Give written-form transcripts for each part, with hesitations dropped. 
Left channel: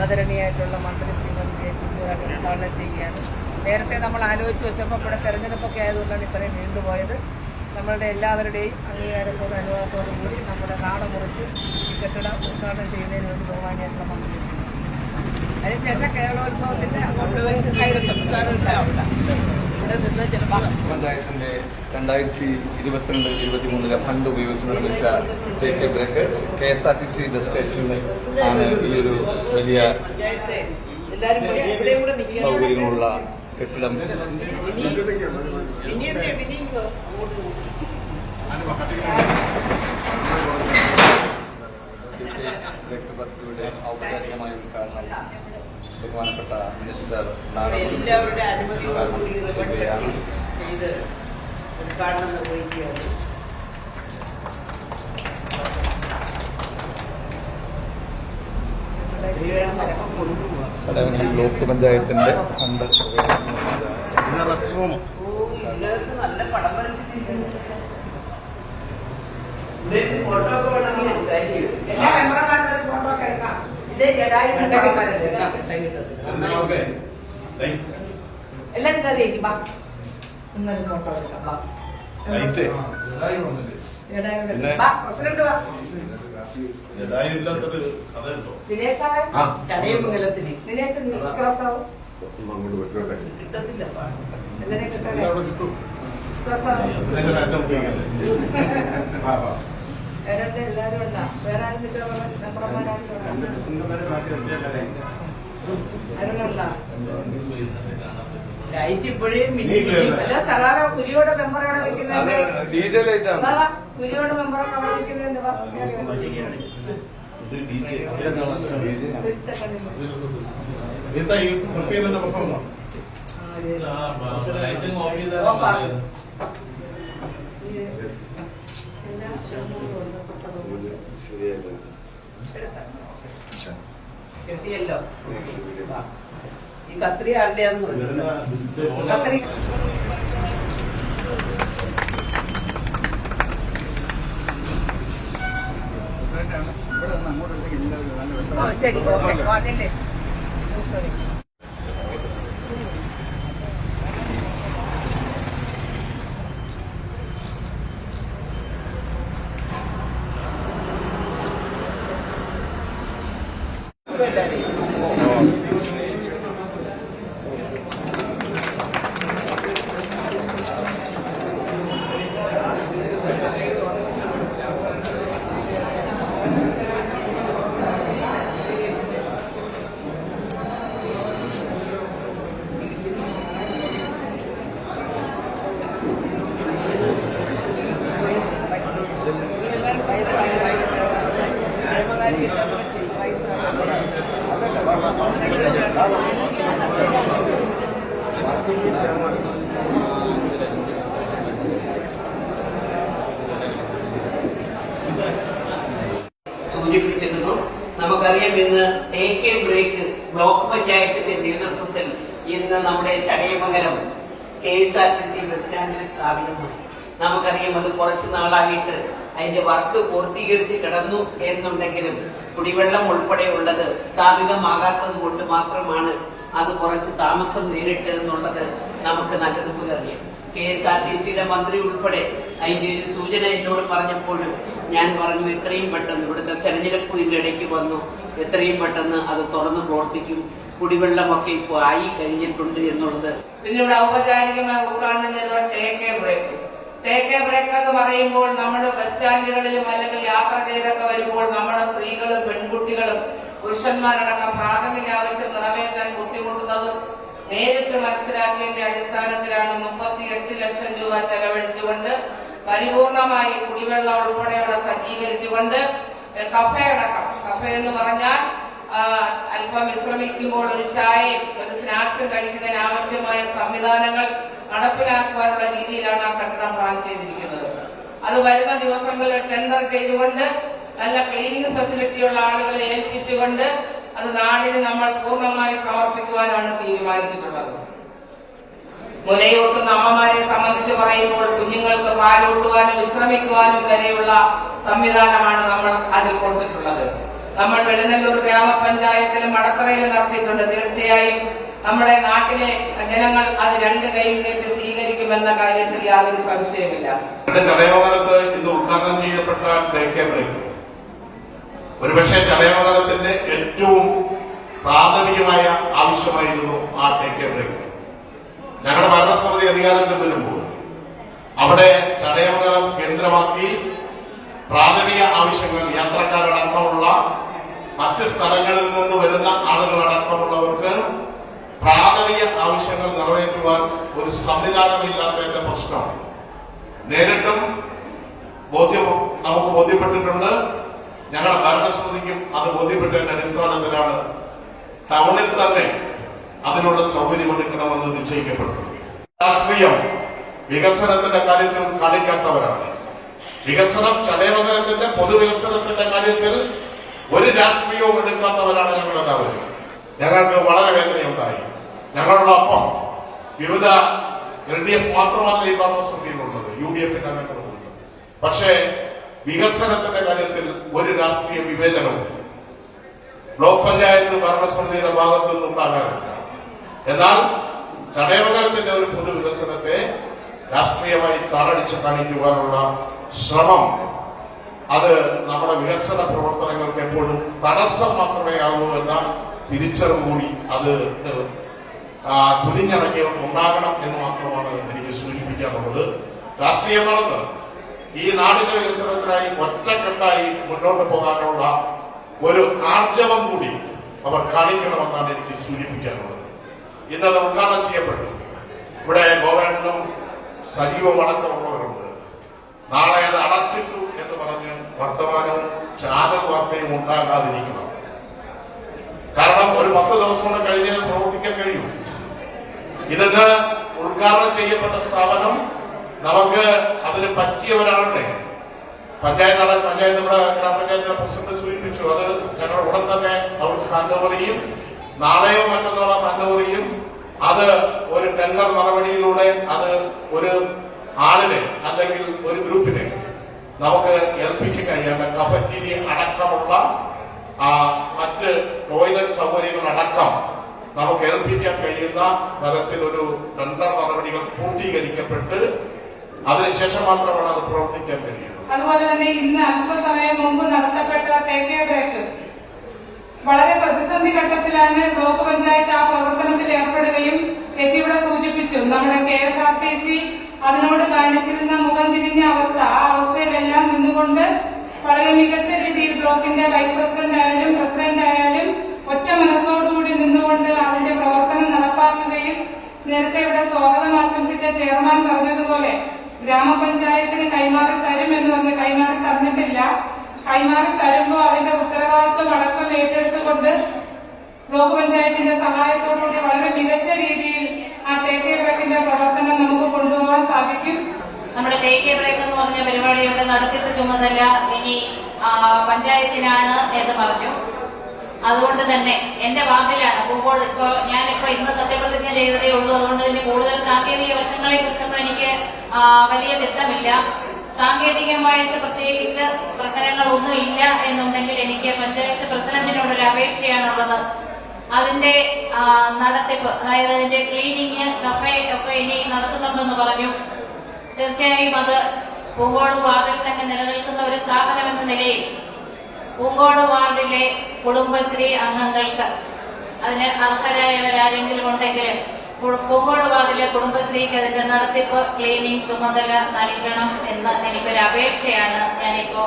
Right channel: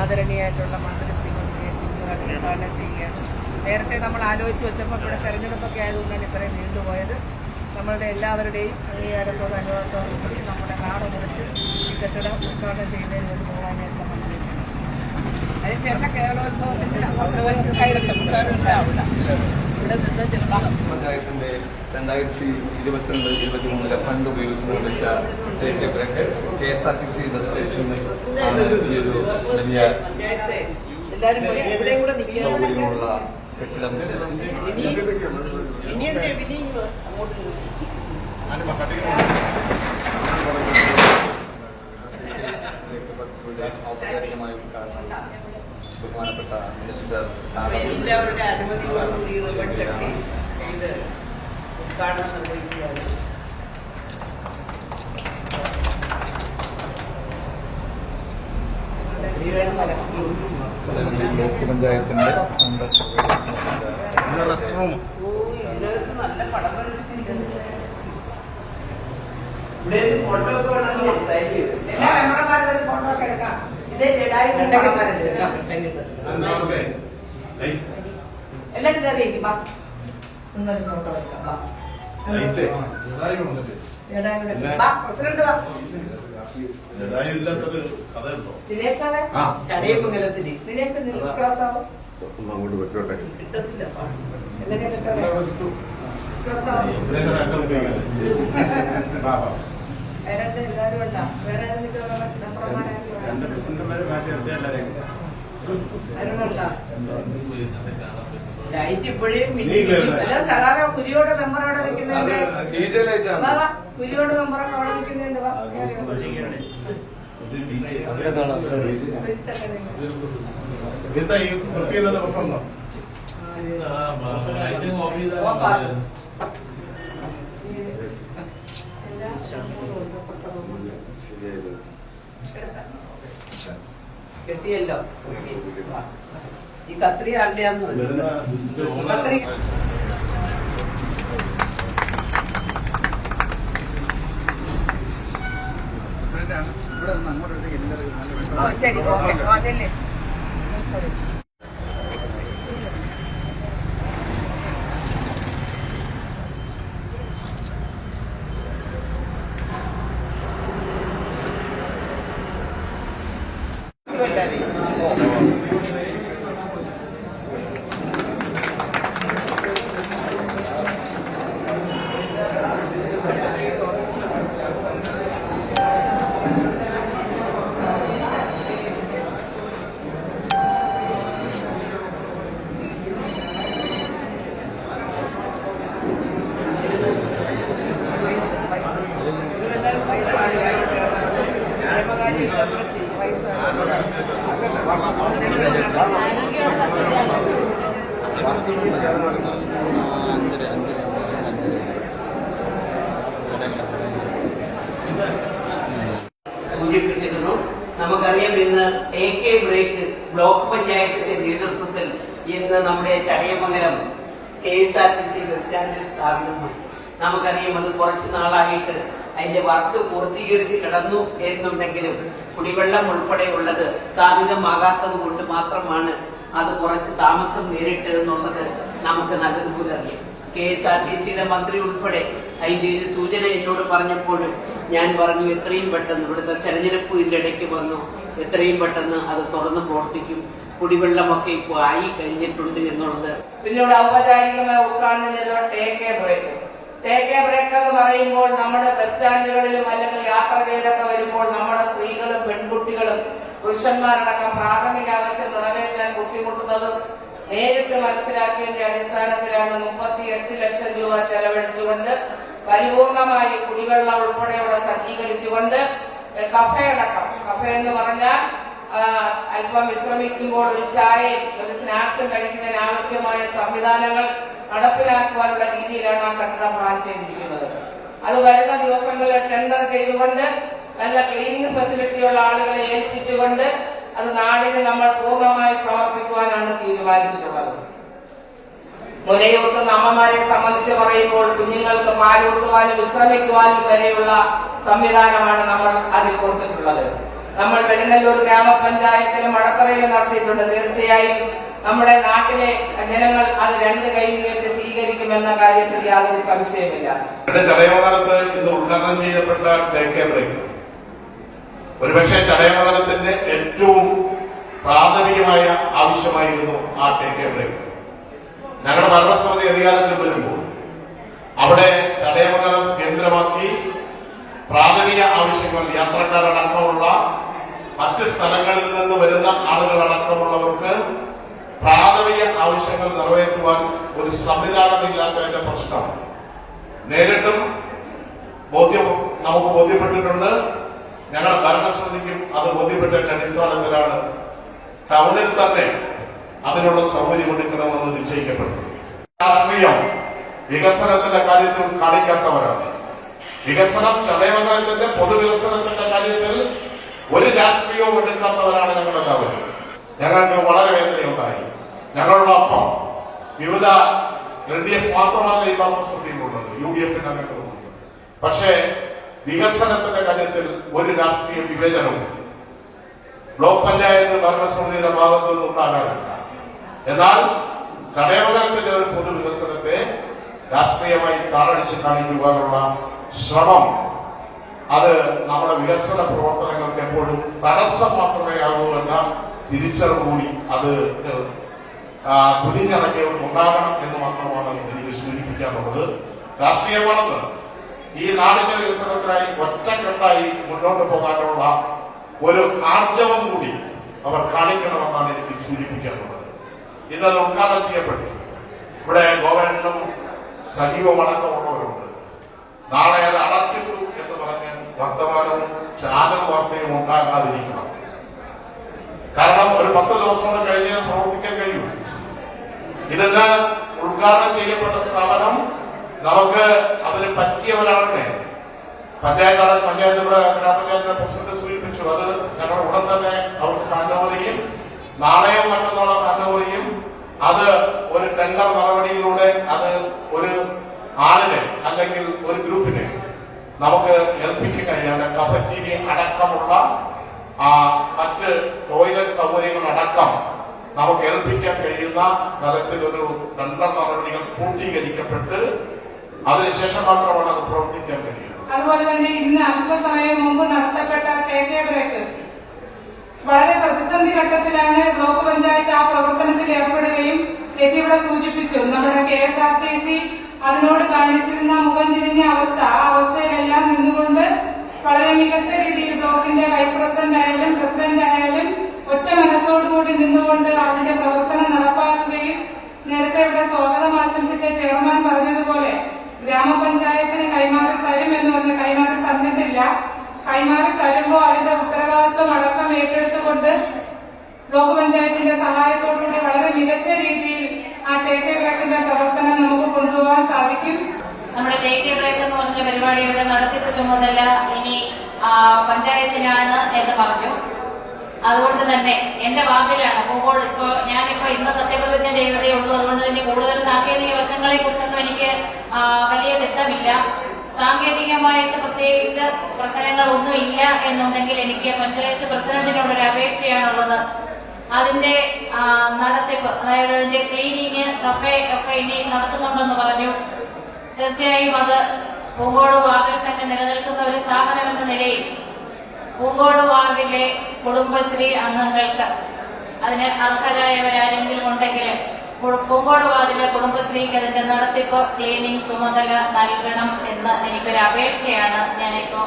ആദരണീയായിട്ടുള്ള മന്ത്രി ശ്രീമതി കെ ചിന്നുവായിട്ട് ഉദ്ഘാടനം ചെയ്യുകയാണ്. നേരത്തെ നമ്മൾ ആലോചിച്ച് വെച്ചപ്പോൾ ഇവിടെ തെരഞ്ഞെടുപ്പൊക്കെ ആയതുകൊണ്ടാണ് ഇത്രയും നീണ്ടുപോയത്. നമ്മളുടെ എല്ലാവരുടെയും അംഗീകാരത്തോടും അനുഭവത്തോടും കൂടി നമ്മുടെ നാട് മുറിച്ച് ഈ കെട്ടിടം ഉദ്ഘാടനം ചെയ്യുന്നതിന് വേണ്ടി ബഹുമാനിയായിട്ടുള്ള മന്ത്രി എത്തുന്നു. അതിനുശേഷം കേരളോത്സവത്തിന്റെ പഞ്ചായത്തിന്റെ 2022-23 ഫണ്ട് ഉപയോഗിച്ച് നിർമ്മിച്ച KSRTC ബസ് സ്റ്റേഷനിൽ വലിയ സൗകര്യമുള്ള കെട്ടിടം ബഹുമാനപ്പെട്ട മിനിസ്റ്റർ എല്ലാവരുടെ അനുമതിയോടുകൂടി റിബൺ കെട്ടി ചെയ്ത് ഉദ്ഘാടനം നിർവഹിക്കുകയാണ്. ബ്ലോക്ക് പഞ്ചായത്തിന്റെ ഫണ്ട് ഇതിനകത്ത് നല്ല പടം വരച്ചിരിക്കുന്നു. ഇവിടെ ഫോട്ടോ ഒക്കെ വേണമെങ്കിൽ എല്ലാ ക്യാമറമാരും ഒരു ഫോട്ടോ ഒക്കെ എടുക്കാം. എല്ലാരും കയറിയേക്കും എന്നൊരു ഫോട്ടോ എടുക്കാം. പ്രസിഡന്റ് ദിനേശാവേ ചടയപ്പുങ്കലത്തിന് ദിനേശ് ക്രോസാവും കിട്ടത്തില്ല. എല്ലാരെയും കിട്ടണേ അതിനകത്ത് എല്ലാരും ഉണ്ടാ. വേറെ ആരും നിൽക്കുന്ന മെമ്പർമാരും അതിനുള്ള ലൈറ്റ് ഇപ്പോഴും അല്ല സഖാവ കുരിയോടെ മെമ്പർ അവിടെ നിൽക്കുന്നതിന്റെ കുരിയോടെ മെമ്പറൊക്കെ അവിടെ നിൽക്കുന്നതിന്റെ കിട്ടിയല്ലോ. ഈ കത്രി ആരുടെയാന്ന് പറഞ്ഞു. കത്രി ശരി ഓക്കെ അതല്ലേ ശരി. സൂചിപ്പിച്ചിരുന്നു. നമുക്കറിയാം ഇന്ന് AK ബ്രേക്ക് ബ്ലോക്ക് പഞ്ചായത്തിന്റെ നേതൃത്വത്തിൽ ഇന്ന് നമ്മുടെ ചടയമംഗലം KSRTC ബസ് സ്റ്റാൻഡിൽ സ്ഥാപിതമാണ്. നമുക്കറിയാം അത് കുറച്ചു നാളായിട്ട് അതിന്റെ വർക്ക് പൂർത്തീകരിച്ച് കിടന്നു എന്നുണ്ടെങ്കിലും കുടിവെള്ളം ഉൾപ്പെടെയുള്ളത് സ്ഥാപിതമാകാത്തത് കൊണ്ട് മാത്രമാണ് അത് കുറച്ച് താമസം നേരിട്ട് എന്നുള്ളത് നമുക്ക് നല്ലതുപോലെ അറിയാം. KSRTCയുടെ മന്ത്രി ഉൾപ്പെടെ അതിന്റെ ഒരു സൂചന എന്നോട് പറഞ്ഞപ്പോഴും ഞാൻ പറഞ്ഞു എത്രയും പെട്ടെന്ന് ഇവിടുത്തെ തെരഞ്ഞെടുപ്പ് ഇടയ്ക്ക് വന്നു, എത്രയും പെട്ടെന്ന് അത് തുറന്നു പ്രവർത്തിക്കും, കുടിവെള്ളമൊക്കെ ഇപ്പോൾ ആയി കഴിഞ്ഞിട്ടുണ്ട് എന്നുള്ളത്. പിന്നെ ഇവിടെ ഔപചാരികമായി ഉദ്ഘാടനം ചെയ്ത ടേക്ക് ബ്രേക്ക് എന്ന് പറയുമ്പോൾ നമ്മുടെ ബസ് സ്റ്റാൻഡുകളിലും അല്ലെങ്കിൽ യാത്ര ചെയ്തൊക്കെ വരുമ്പോൾ നമ്മുടെ സ്ത്രീകളും പെൺകുട്ടികളും പുരുഷന്മാരടക്കം പ്രാഥമിക ആവശ്യം നിറവേറ്റാൻ ബുദ്ധിമുട്ടുന്നതും നേരിട്ട് മനസ്സിലാക്കിയതിന്റെ അടിസ്ഥാനത്തിലാണ് 38 ലക്ഷം രൂപ ചെലവഴിച്ചുകൊണ്ട് പരിപൂർണമായി കുടിവെള്ളം ഉൾപ്പെടെയുള്ള സജ്ജീകരിച്ചുകൊണ്ട് കഫേ എന്ന് പറഞ്ഞാൽ അല്പം വിശ്രമിക്കുമ്പോൾ ഒരു ചായയും ഒരു സ്നാക്സും കഴിക്കുന്നതിന് ആവശ്യമായ സംവിധാനങ്ങൾ നടപ്പിലാക്കുവാനുള്ള രീതിയിലാണ് ആ കെട്ടിടം പ്ലാൻ ചെയ്തിരിക്കുന്നത്. അത് വരുന്ന ദിവസങ്ങളിൽ ടെൻഡർ ചെയ്തുകൊണ്ട് നല്ല ക്ലീനിംഗ് ഫെസിലിറ്റിയുള്ള ആളുകളെ ഏൽപ്പിച്ചുകൊണ്ട് അത് നാടിന് നമ്മൾ പൂർണ്ണമായി സമർപ്പിക്കുവാനാണ് തീരുമാനിച്ചിട്ടുള്ളത്. മുലയൂട്ടുന്ന അമ്മമാരെ സംബന്ധിച്ച് പറയുമ്പോൾ കുഞ്ഞുങ്ങൾക്ക് പാലൂട്ടുവാനും വിശ്രമിക്കുവാനും വരെയുള്ള സംവിധാനമാണ് നമ്മൾ അതിൽ കൊടുത്തിട്ടുള്ളത്. നമ്മൾ വെളുന്നല്ലൂർ ഗ്രാമപഞ്ചായത്തിലും മടത്തറയിലും നടത്തിയിട്ടുണ്ട്. തീർച്ചയായും നമ്മുടെ നാട്ടിലെ ജനങ്ങൾ അത് രണ്ട് കൈ നീട്ടി സ്വീകരിക്കുമെന്ന കാര്യത്തിൽ യാതൊരു സംശയമില്ല. ചടയമംഗലത്ത് ഇന്ന് ഉദ്ഘാടനം ചെയ്യപ്പെട്ട ഡേക്കെ ബ്രേക്ക് ഒരുപക്ഷെ ചടയമംഗലത്തിന്റെ ഏറ്റവും പ്രാഥമികമായ ആവശ്യമായിരുന്നു ആ ഡേക്കെ ബ്രേക്ക്. ഞങ്ങളുടെ ഭരണസമിതി അധികാരത്തിൽ വരുമ്പോൾ അവിടെ ചടയമംഗലം കേന്ദ്രമാക്കി പ്രാഥമിക ആവശ്യങ്ങൾ യാത്രക്കാരടക്കമുള്ള മറ്റ് സ്ഥലങ്ങളിൽ നിന്ന് വരുന്ന ആളുകളടക്കമുള്ളവർക്ക് പ്രാഥമിക ആവശ്യങ്ങൾ നിറവേറ്റുവാൻ ഒരു സംവിധാനമില്ലാത്തതിന്റെ പ്രശ്നം നേരിട്ടും നമുക്ക് ബോധ്യപ്പെട്ടിട്ടുണ്ട്. ഞങ്ങളുടെ ഭരണസമിതിക്കും അത് ബോധ്യപ്പെട്ടതിന്റെ അടിസ്ഥാനത്തിലാണ് ടൗണിൽ തന്നെ അതിനുള്ള സൗകര്യമൊരുക്കണമെന്ന് നിശ്ചയിക്കപ്പെട്ടു. രാഷ്ട്രീയം വികസനത്തിന്റെ കാര്യത്തിൽ കാണിക്കാത്തവരാണ്. വികസനം ചടയമംഗലത്തിന്റെ പൊതുവികസനത്തിന്റെ കാര്യത്തിൽ ഒരു രാഷ്ട്രീയവും എടുക്കാത്തവരാണ് ഞങ്ങളെല്ലാവരും. ഞങ്ങൾക്ക് വളരെ വേദനയുണ്ടായി. ഞങ്ങളോടൊപ്പം വിവിധ LDF മാത്രമാണ് ഈ ഭരണസമിതിയിലുള്ളത്, UDFന്റെ അംഗങ്ങളുമുണ്ട്. പക്ഷേ വികസനത്തിന്റെ കാര്യത്തിൽ ഒരു രാഷ്ട്രീയ വിവേചനവും ബ്ലോക്ക് പഞ്ചായത്ത് ഭരണസമിതിയുടെ ഭാഗത്തു നിന്നുണ്ടാകാറില്ല. എന്നാൽ ചടയമംഗലത്തിന്റെ ഒരു പൊതുവികസനത്തെ രാഷ്ട്രീയമായി താറടിച്ച് കാണിക്കുവാനുള്ള ശ്രമം അത് നമ്മുടെ വികസന പ്രവർത്തനങ്ങൾക്ക് എപ്പോഴും തടസ്സം മാത്രമേ ആകൂ എന്ന തിരിച്ചറിവ് കൂടി അത് തുനിഞ്ഞിറങ്ങി ഉണ്ടാകണം എന്ന് മാത്രമാണ് എനിക്ക് സൂചിപ്പിക്കാനുള്ളത്. രാഷ്ട്രീയമാണെന്ന് ഈ നാടിന്റെ വികസനത്തിനായി ഒറ്റക്കെട്ടായി മുന്നോട്ട് പോകാനുള്ള ഒരു ആർജവം കൂടി അവർ കാണിക്കണമെന്നാണ് എനിക്ക് സൂചിപ്പിക്കാനുള്ളത്. ഇന്നത് ഉദ്ഘാടനം ചെയ്യപ്പെട്ടു. ഇവിടെ ഗവൺമെന്റും സജീവമടക്കമുള്ളവരുണ്ട്. നാളെ അത് അടച്ചിട്ടു എന്ന് പറഞ്ഞ് വർത്തമാനവും ചാനൽ വാർത്തയും ഉണ്ടാകാതിരിക്കണം. കാരണം ഒരു 10 ദിവസം കൊണ്ട് കഴിഞ്ഞാൽ പ്രവർത്തിക്കാൻ കഴിയും. ഇതിന് ഉദ്ഘാടനം ചെയ്യപ്പെട്ട സ്ഥാപനം നമുക്ക് അതിന് പറ്റിയവരാണെന്ന് ഗ്രാമപഞ്ചായത്തിന്റെ പ്രസിഡന്റ് സൂചിപ്പിച്ചു. അത് ഞങ്ങൾ ഉടൻ തന്നെ അവർക്ക് ഹാൻഡ് ഓവർ ചെയ്യും. നാളെയും മറ്റന്നാളും ഹാൻഡ് ഓവർ ചെയ്യും. അത് ഒരു ടെൻഡർ നടപടിയിലൂടെ അത് ഒരു ആളിനെ അല്ലെങ്കിൽ ഒരു ഗ്രൂപ്പിനെ നമുക്ക് ഏൽപ്പിക്കാൻ കഴിയാണ്. കഫറ്റീരിയ അടക്കമുള്ള മറ്റ് ടോയ്ലറ്റ് സൗകര്യങ്ങളടക്കം നമുക്ക് ഏൽപ്പിക്കാൻ കഴിയുന്ന തരത്തിലൊരു ടെൻഡർ നടപടികൾ പൂർത്തീകരിക്കപ്പെട്ട് അതിനുശേഷം മാത്രമാണ് അത് പ്രവർത്തിക്കാൻ കഴിയുന്നത്. അതുപോലെ തന്നെ ഇന്ന് അല്പസമയം മുമ്പ് നടത്തപ്പെട്ട ടേക്ക് ബ്രേക്ക് വളരെ പ്രതിസന്ധി ഘട്ടത്തിലാണ് ബ്ലോക്ക് പഞ്ചായത്ത് ആ പ്രവർത്തനത്തിൽ ഏർപ്പെടുകയും ചേച്ചി ഇവിടെ സൂചിപ്പിച്ചു. നമ്മുടെ KSRTC അതിനോട് കാണിച്ചിരുന്ന മുഖം തിരിഞ്ഞ അവസ്ഥ, ആ അവസ്ഥയിലെല്ലാം നിന്നുകൊണ്ട് വളരെ മികച്ച രീതിയിൽ ബ്ലോക്കിന്റെ വൈസ് പ്രസിഡന്റ് ആയാലും പ്രസിഡന്റ് ആയാലും ഒറ്റ മനസ്സോടുകൂടി നിന്നുകൊണ്ട് അതിന്റെ പ്രവർത്തനം നടപ്പാക്കുകയും നേരത്തെ ഇവിടെ സ്വാഗതം ആശംസിച്ച ചെയർമാൻ പറഞ്ഞതുപോലെ ഗ്രാമപഞ്ചായത്തിന് കൈമാറി തരും എന്ന് പറഞ്ഞ് കൈമാറി തന്നിട്ടില്ല. കൈമാറി തരുമ്പോൾ അതിന്റെ ഉത്തരവാദിത്വം അടക്കം ഏറ്റെടുത്തുകൊണ്ട് ബ്ലോക്ക് പഞ്ചായത്തിന്റെ സഹായത്തോടുകൂടി വളരെ മികച്ച രീതിയിൽ ആ ടേക്ക് ബ്രേക്കിന്റെ പ്രവർത്തനം നമുക്ക് കൊണ്ടുപോകാൻ സാധിക്കും. നമ്മുടെ ടേക്ക് ബ്രേക്ക് എന്ന് പറഞ്ഞ പരിപാടി ഇവിടെ നടത്തിപ്പ് ചുമതല ഇനി പഞ്ചായത്തിനാണ് എന്ന് പറഞ്ഞു. അതുകൊണ്ട് തന്നെ എന്റെ വാർഡിലാണ് പോകുമ്പോൾ ഞാനിപ്പോ ഇന്ന് സത്യപ്രതിജ്ഞ ചെയ്തതേ ഉള്ളൂ. അതുകൊണ്ട് തന്നെ കൂടുതൽ സാങ്കേതിക വശങ്ങളെ കുറിച്ചൊന്നും എനിക്ക് വലിയ തിട്ടമില്ല. സാങ്കേതികമായിട്ട് പ്രത്യേകിച്ച് പ്രശ്നങ്ങളൊന്നും ഇല്ല എന്നുണ്ടെങ്കിൽ എനിക്ക് പഞ്ചായത്ത് പ്രസിഡന്റിനോടൊരു അപേക്ഷയാണുള്ളത്. അതിന്റെ നടത്തിപ്പ്, അതായത് അതിന്റെ ക്ലീനിങ്, കഫേ ഒക്കെ ഇനി നടത്തുന്നുണ്ടെന്ന് പറഞ്ഞു. തീർച്ചയായും അത് പൂങ്കോട് വാർഡിൽ തന്നെ നിലനിൽക്കുന്ന ഒരു സ്ഥാപനം എന്ന നിലയിൽ പൂങ്കോട് വാർഡിലെ കുടുംബശ്രീ അംഗങ്ങൾക്ക് അതിന് അർഹരായവരാരെങ്കിലും ഉണ്ടെങ്കിൽ പൂങ്കോട് വാർഡിലെ കുടുംബശ്രീക്ക് അതിന്റെ നടത്തിപ്പ്, ക്ലീനിങ് ചുമതല നൽകണം എന്ന് എനിക്കൊരു അപേക്ഷയാണ്. ഞാനിപ്പോ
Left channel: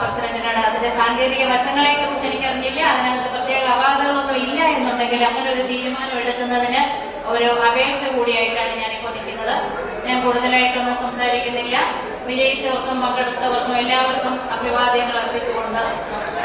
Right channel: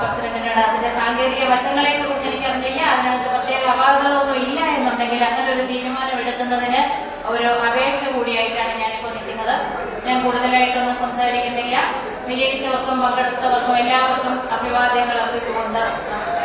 പ്രസിഡന്റിനോട് അതിന്റെ സാങ്കേതിക വശങ്ങളെ കുറിച്ച് എനിക്കറിഞ്ഞില്ല. അതിനകത്ത് പ്രത്യേക അപാകതകളൊന്നും ഇല്ല എന്നുണ്ടെങ്കിൽ അങ്ങനെ ഒരു തീരുമാനം എടുക്കുന്നതിന് ഒരു അപേക്ഷ കൂടിയായിട്ടാണ് ഞാനിപ്പോ നിൽക്കുന്നത്. ഞാൻ കൂടുതലായിട്ടൊന്നും സംസാരിക്കുന്നില്ല. വിജയിച്ചവർക്കും പങ്കെടുത്തവർക്കും എല്ലാവർക്കും അഭിവാദ്യങ്ങൾ അർപ്പിച്ചുകൊണ്ട് നമസ്കാരം.